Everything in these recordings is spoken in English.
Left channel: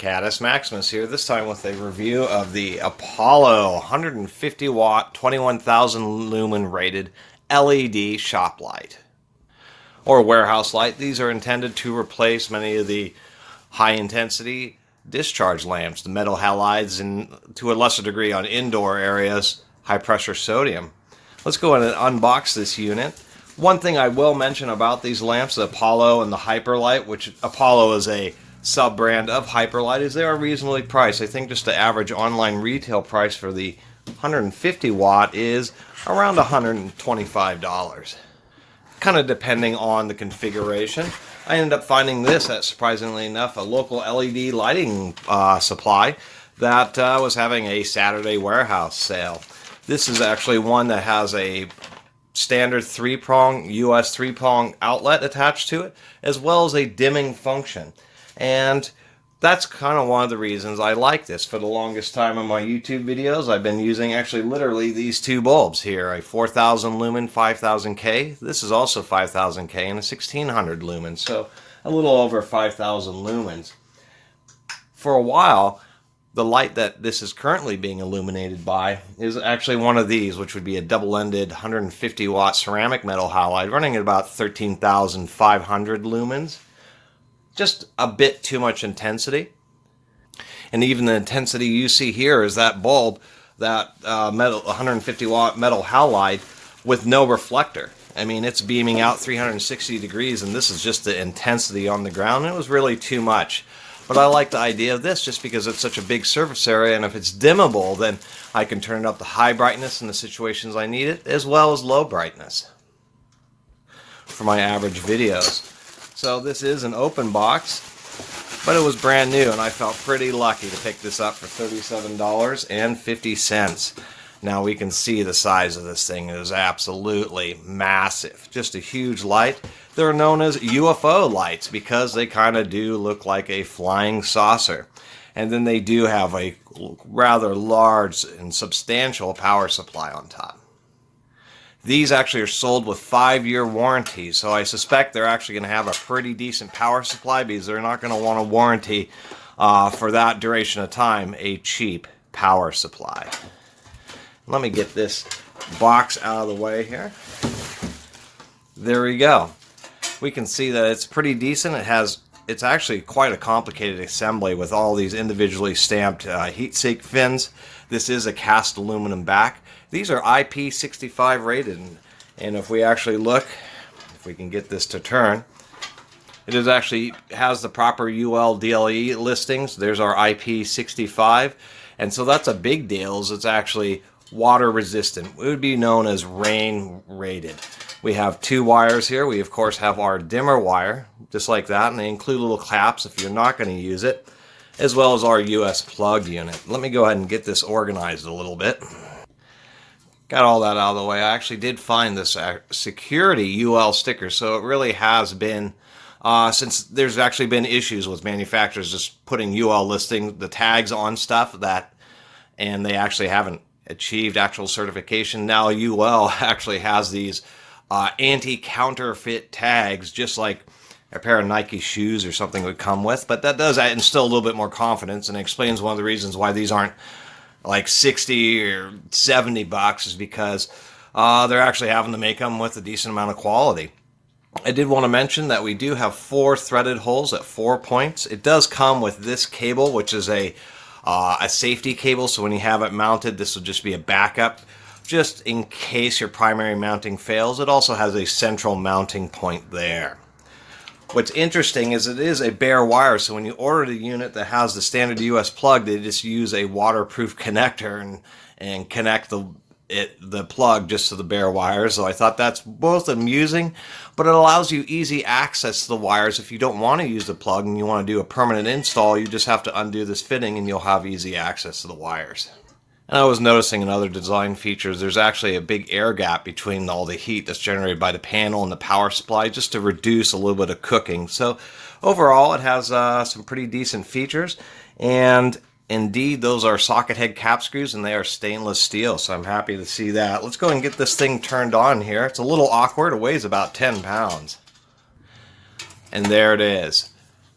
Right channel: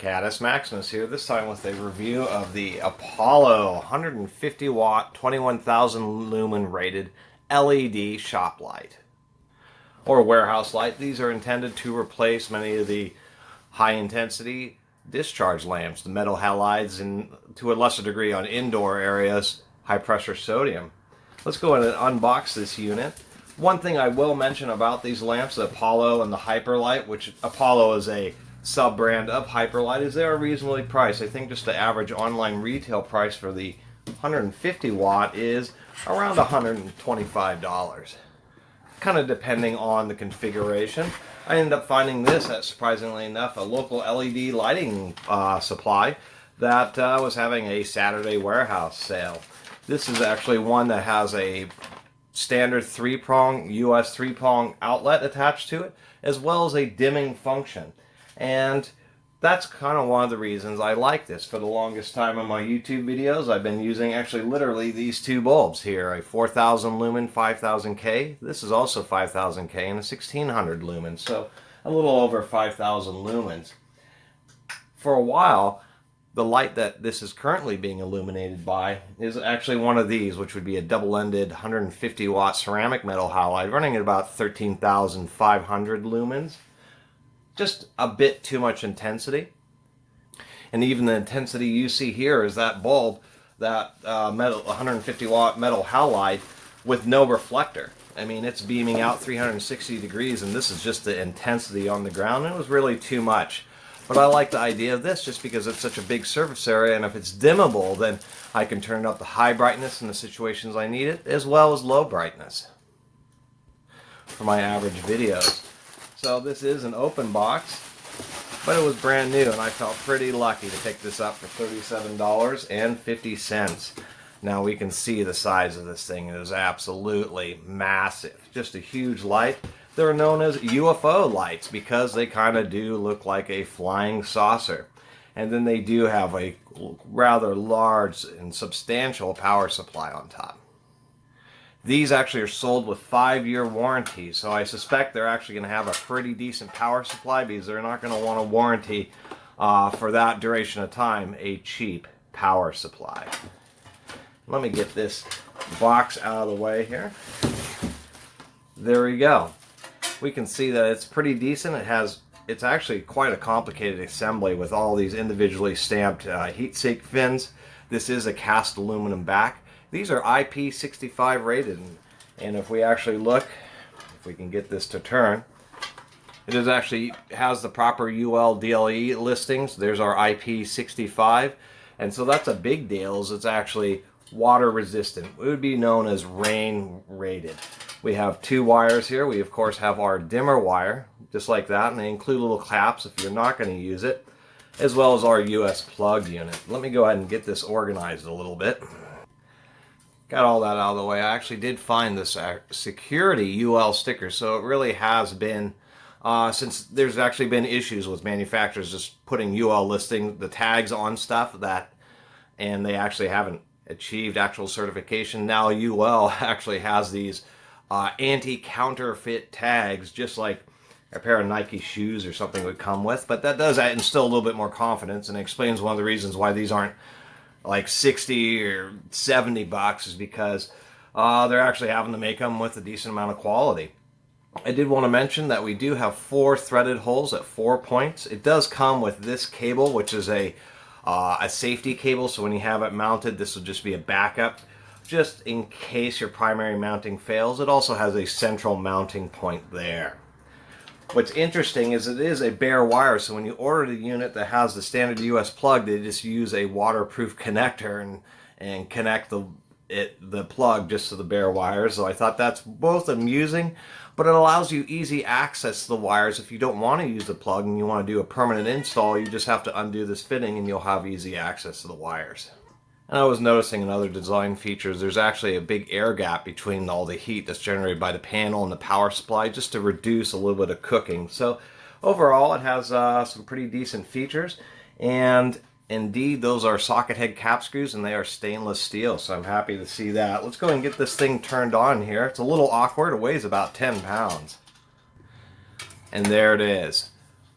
Caddis Maximus here, this time with a review of the Apollo 150 watt 21,000 lumen rated LED shop light or warehouse light. These are intended to replace many of the high intensity discharge lamps, the metal halides, and to a lesser degree on indoor areas, high pressure sodium. Let's go ahead and unbox this unit. One thing I will mention about these lamps, the Apollo and the HyperLight, which Apollo is a sub-brand of HyperLight, is they are reasonably priced. I think just the average online retail price for the 150 watt is around $125. Kind of depending on the configuration. I ended up finding this at, surprisingly enough, a local LED lighting supply that was having a Saturday warehouse sale. This is actually one that has a standard three-prong, US three-prong outlet attached to it, as well as a dimming function. And that's kind of one of the reasons I like this. For the longest time in my YouTube videos, I've been using actually literally these two bulbs here, a 4000 lumen 5000K. This is also 5000K and a 1600 lumens, so a little over 5000 lumens. For a while, the light that this is currently being illuminated by is actually one of these, which would be a double-ended 150 watt ceramic metal halide running at about 13,500 lumens. Just a bit too much intensity. And even the intensity you see here is that bulb, that metal 150 watt metal halide with no reflector. I mean, it's beaming out 360 degrees, and this is just the intensity on the ground. It was really too much. But I like the idea of this just because it's such a big surface area, and if it's dimmable, then I can turn it up to high brightness in the situations I need it, as well as low brightness for my average videos. So this is an open box, but it was brand new, and I felt pretty lucky to pick this up for $37.50. Now we can see the size of this thing. It is absolutely massive. Just a huge light. They're known as UFO lights because they kind of do look like a flying saucer. And then they do have a rather large and substantial power supply on top. These actually are sold with 5-year warranties, so I suspect they're actually going to have a pretty decent power supply because they're not going to want a warranty for that duration of time, a cheap power supply. Let me get this box out of the way here. There we go. We can see that it's pretty decent. It's actually quite a complicated assembly with all these individually stamped heat sink fins. This is a cast aluminum back. These are IP65 rated, and if we actually look, if we can get this to turn, it is actually has the proper UL DLE listings. There's our IP65, and so that's a big deal, is it's actually water resistant. It would be known as rain rated. We have two wires here. We of course have our dimmer wire, just like that, and they include little caps if you're not going to use it, as well as our US plug unit. Let me go ahead and get this organized a little bit. Got all that out of the way. I actually did find this security UL sticker, so it really has been, since there's actually been issues with manufacturers just putting UL listing, the tags on stuff and they actually haven't achieved actual certification. Now UL actually has these anti-counterfeit tags, just like a pair of Nike shoes or something would come with, but that does instill a little bit more confidence and explains one of the reasons why these aren't like 60 or 70 bucks, is because they're actually having to make them with a decent amount of quality. I did want to mention that we do have 4 threaded holes at 4 points. It does come with this cable, which is a safety cable, so when you have it mounted, this will just be a backup, just in case your primary mounting fails. It also has a central mounting point there. What's interesting is it is a bare wire, so when you order the unit that has the standard US plug, they just use a waterproof connector and connect the plug just to the bare wire. So I thought that's both amusing, but it allows you easy access to the wires. If you don't want to use the plug and you want to do a permanent install, you just have to undo this fitting and you'll have easy access to the wires. And I was noticing in other design features, there's actually a big air gap between all the heat that's generated by the panel and the power supply, just to reduce a little bit of cooking. So overall, it has some pretty decent features. And indeed, those are socket head cap screws, and they are stainless steel, so I'm happy to see that. Let's go and get this thing turned on here. It's a little awkward. It weighs about 10 pounds. And there it is.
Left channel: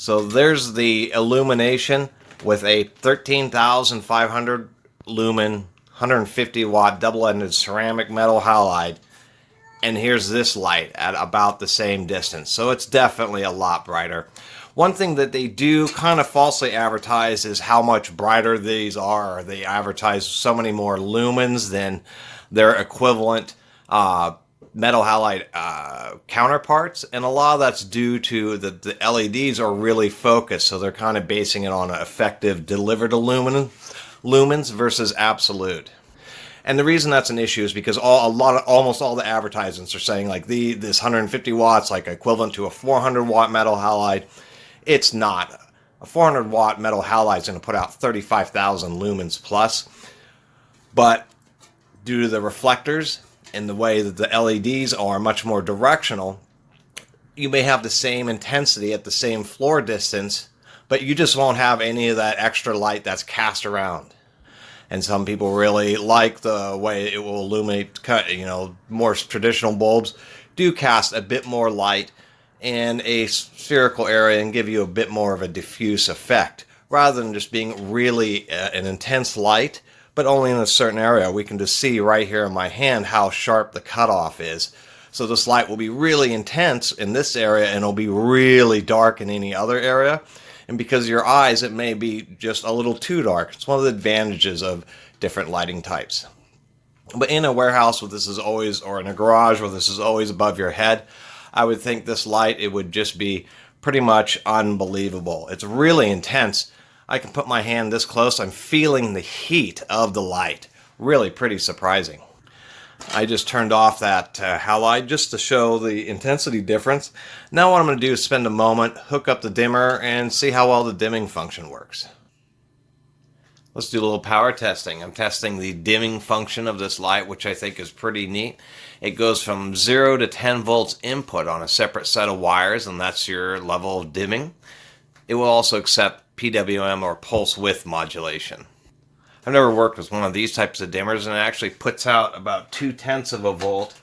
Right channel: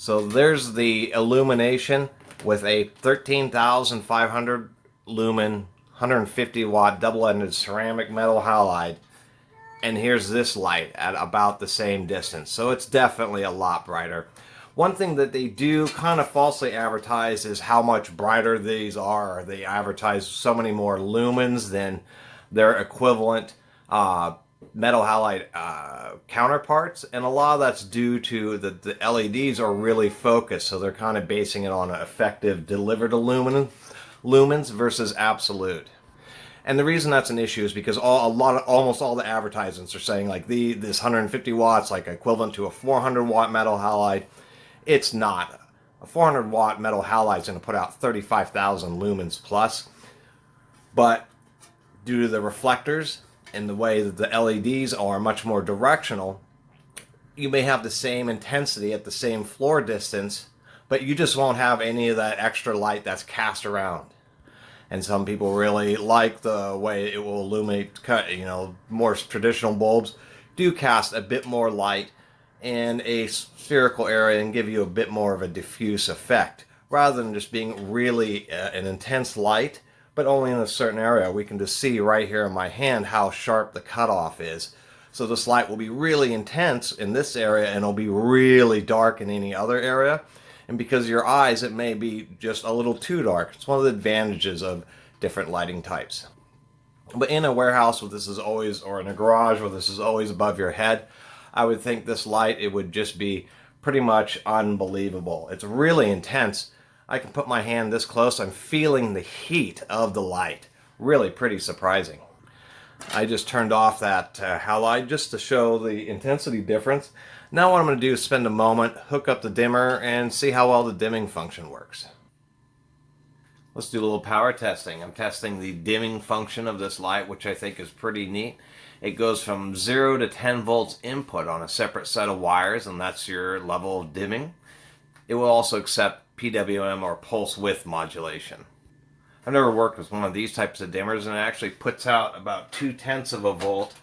So there's the illumination with a 13,500 lumen, 150 watt double-ended ceramic metal halide. And here's this light at about the same distance. So it's definitely a lot brighter. One thing that they do kind of falsely advertise is how much brighter these are. They advertise so many more lumens than their equivalent metal halide counterparts. And a lot of that's due to the LEDs are really focused. So they're kind of basing it on effective delivered lumens versus absolute. And the reason that's an issue is because almost all the advertisements are saying like this 150 watts like equivalent to a 400 watt metal halide. It's not. A 400 watt metal halide is going to put out 35,000 lumens plus. But due to the reflectors and the way that the LEDs are much more directional, you may have the same intensity at the same floor distance, but you just won't have any of that extra light that's cast around. And some people really like the way it will illuminate, more traditional bulbs do cast a bit more light in a spherical area and give you a bit more of a diffuse effect, rather than just being really an intense light, but only in a certain area. We can just see right here in my hand how sharp the cutoff is. So this light will be really intense in this area and it'll be really dark in any other area. And because of your eyes, it may be just a little too dark. It's one of the advantages of different lighting types. But in a warehouse where this is always, or in a garage where this is always above your head, I would think this light, it would just be pretty much unbelievable. It's really intense. I can put my hand this close. I'm feeling the heat of the light. Really pretty surprising. I just turned off that halide just to show the intensity difference. Now what I'm going to do is spend a moment, hook up the dimmer, and see how well the dimming function works. Let's do a little power testing. I'm testing the dimming function of this light, which I think is pretty neat. It goes from 0 to 10 volts input on a separate set of wires, and that's your level of dimming. It will also accept PWM or pulse width modulation. I've never worked with one of these types of dimmers, and it actually puts out about 0.2 of a volt,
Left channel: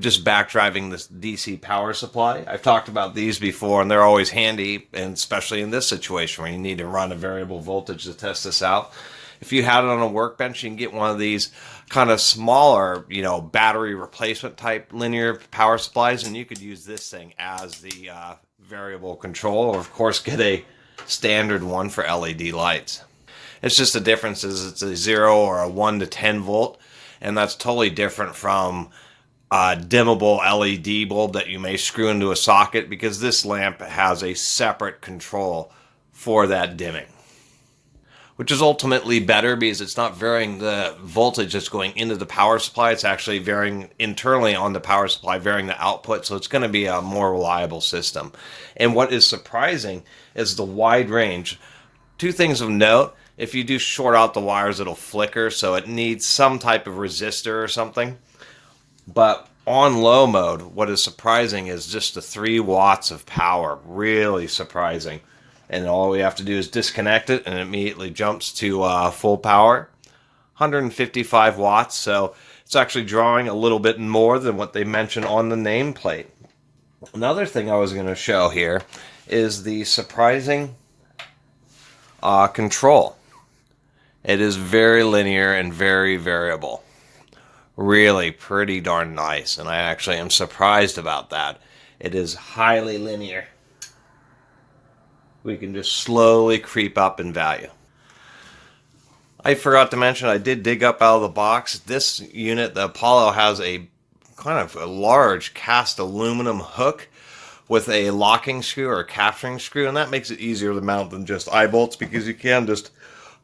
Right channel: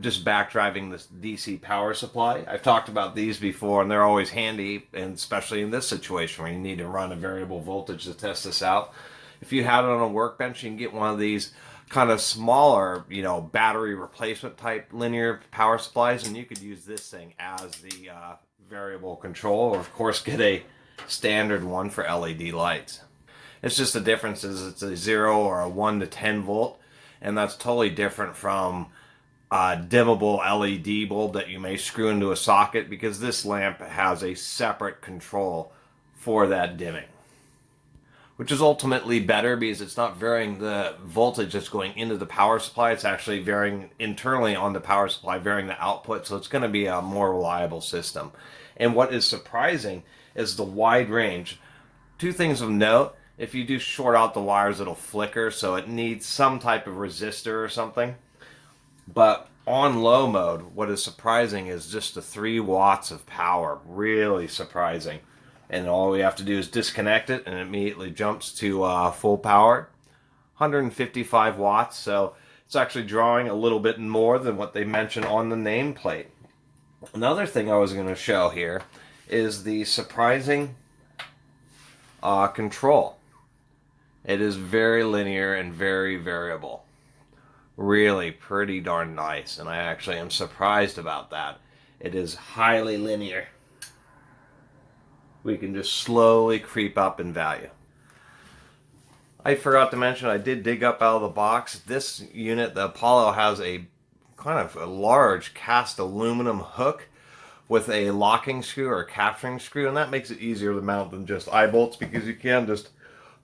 just backdriving this DC power supply. I've talked about these before, and they're always handy, and especially in this situation where you need to run a variable voltage to test this out. If you had it on a workbench, you can get one of these kind of smaller, battery replacement type linear power supplies, and you could use this thing as the variable control, or of course get a standard one for LED lights. It's just the difference is it's a 0 or a 1 to 10 volt, and that's totally different from a dimmable LED bulb that you may screw into a socket, because this lamp has a separate control for that dimming, which is ultimately better because it's not varying the voltage that's going into the power supply. It's actually varying internally on the power supply, varying the output, so it's going to be a more reliable system. And what is surprising is the wide range. Two things of note: if you do short out the wires, it'll flicker, so it needs some type of resistor or something. But on low mode, what is surprising is just the 3 watts of power. Really surprising. And all we have to do is disconnect it, and it immediately jumps to full power. 155 watts, so it's actually drawing a little bit more than what they mentioned on the nameplate. Another thing I was going to show here is the surprising control. It is very linear and very variable. Really pretty darn nice, and I actually am surprised about that. It is highly linear. We can just slowly creep up in value. I forgot to mention, I did dig up out of the box. This unit, the Apollo, has a kind of a large cast aluminum hook with a locking screw or a capturing screw, and that makes it easier to mount than just eye bolts, because you can just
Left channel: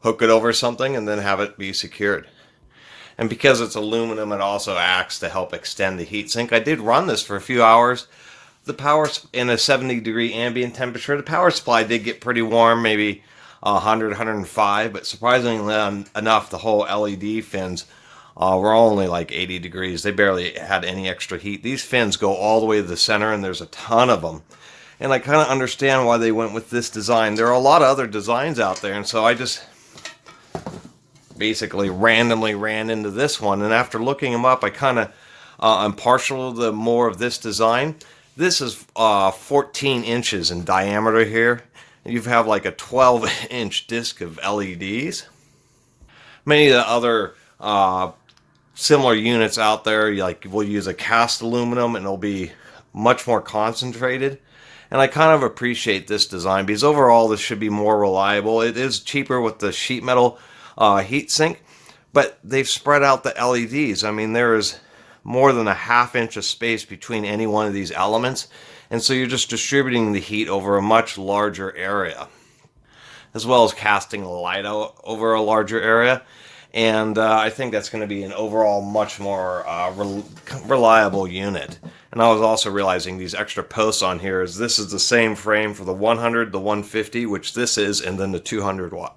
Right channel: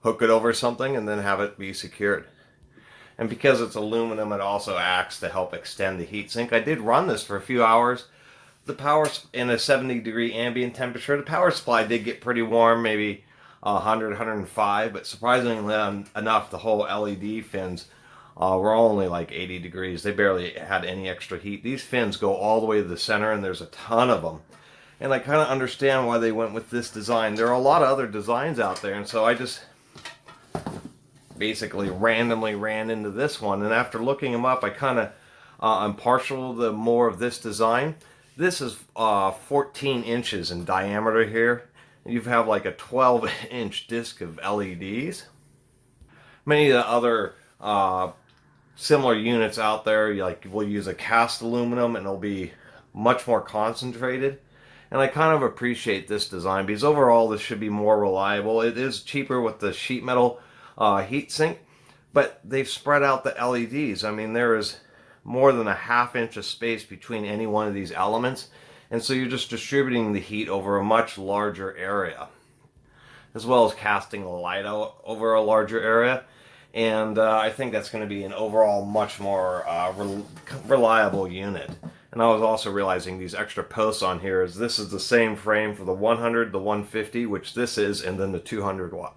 hook it over something and then have it be secured. And because it's aluminum, it also acts to help extend the heat sink. I did run this for a few hours. The power in a 70-degree ambient temperature, the power supply did get pretty warm, maybe 100, 105, but surprisingly enough, the whole LED fins were only like 80 degrees. They barely had any extra heat. These fins go all the way to the center, and there's a ton of them. And I kind of understand why they went with this design. There are a lot of other designs out there, and so I just basically randomly ran into this one. And after looking them up, I kind of I'm partial to more of this design. This is 14 inches in diameter here. You have like a 12-inch disc of LEDs. Many of the other similar units out there, like we'll use a cast aluminum and it'll be much more concentrated. And I kind of appreciate this design because overall this should be more reliable. It is cheaper with the sheet metal heat sink, but they've spread out the LEDs. I mean, there is more than a half inch of space between any one of these elements. And so you're just distributing the heat over a much larger area, as well as casting the light out over a larger area. And I think that's going to be an overall much more reliable unit. And I was also realizing these extra posts on here is this is the same frame for the 100, the 150, which this is, and then the 200 watt.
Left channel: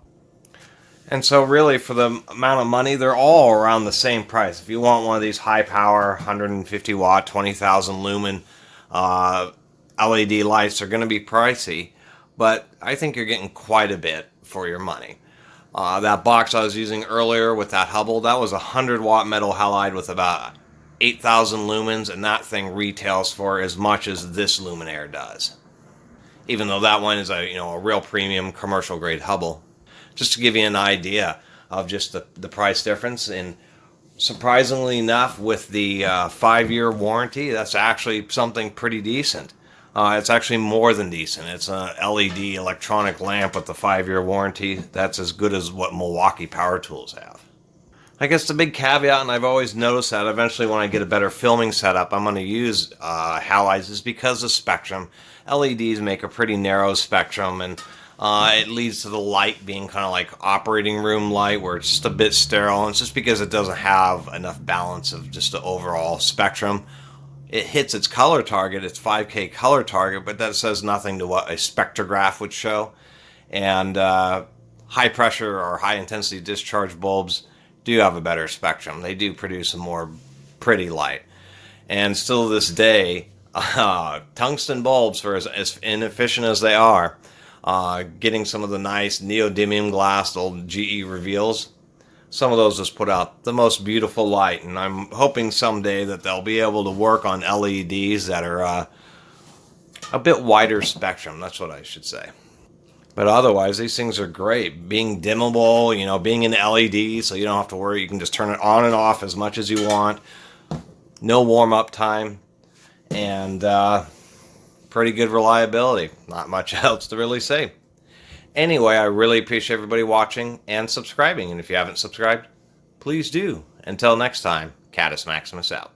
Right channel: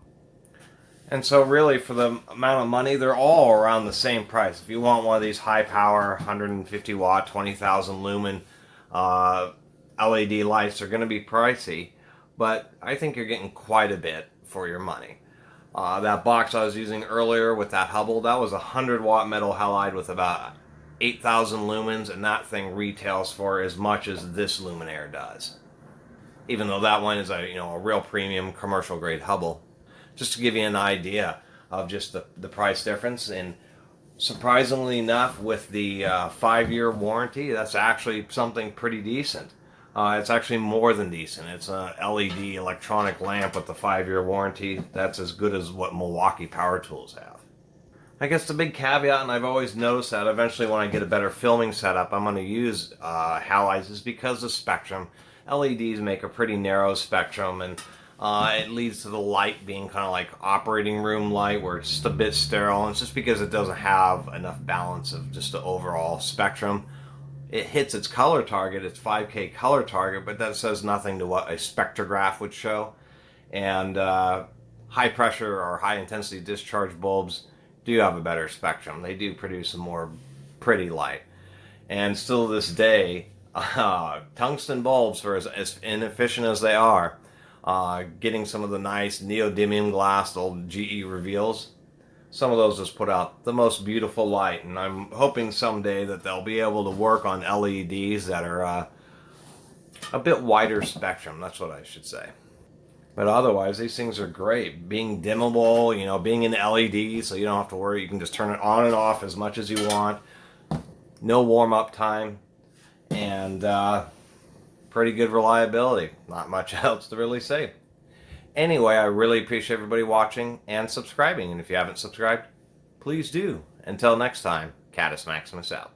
And so really for the amount of money, they're all around the same price. If you want one of these high power 150 watt, 20,000 lumen LED lights, are going to be pricey, but I think you're getting quite a bit for your money. That box I was using earlier with that Hubble, that was a 100 watt metal halide with about 8,000 lumens, and that thing retails for as much as this Luminaire does. Even though that one is a real premium commercial grade Hubble. Just to give you an idea of just the price difference. And surprisingly enough, with the 5-year warranty, that's actually something pretty decent. It's actually more than decent. It's an LED electronic lamp with the 5-year warranty. That's as good as what Milwaukee power tools have. I guess the big caveat, and I've always noticed that eventually when I get a better filming setup, I'm going to use halides, is because of spectrum. LEDs make a pretty narrow spectrum, and it leads to the light being kind of like operating room light, where it's just a bit sterile. And it's just because it doesn't have enough balance of just the overall spectrum. It hits its color target, its 5K color target, but that says nothing to what a spectrograph would show. And high pressure or high intensity discharge bulbs do have a better spectrum. They do produce a more pretty light. And still to this day, tungsten bulbs, for as inefficient as they are, getting some of the nice neodymium glass old GE reveals, some of those just put out the most beautiful light. And I'm hoping someday that they'll be able to work on LEDs that are a bit wider spectrum. That's what I should say. But otherwise, these things are great. Being dimmable, being an LED, so you don't have to worry. You can just turn it on and off as much as you want. No warm-up time. And pretty good reliability. Not much else to really say. Anyway, I really appreciate everybody watching and subscribing. And if you haven't subscribed, please do. Until next time, Catus Maximus out.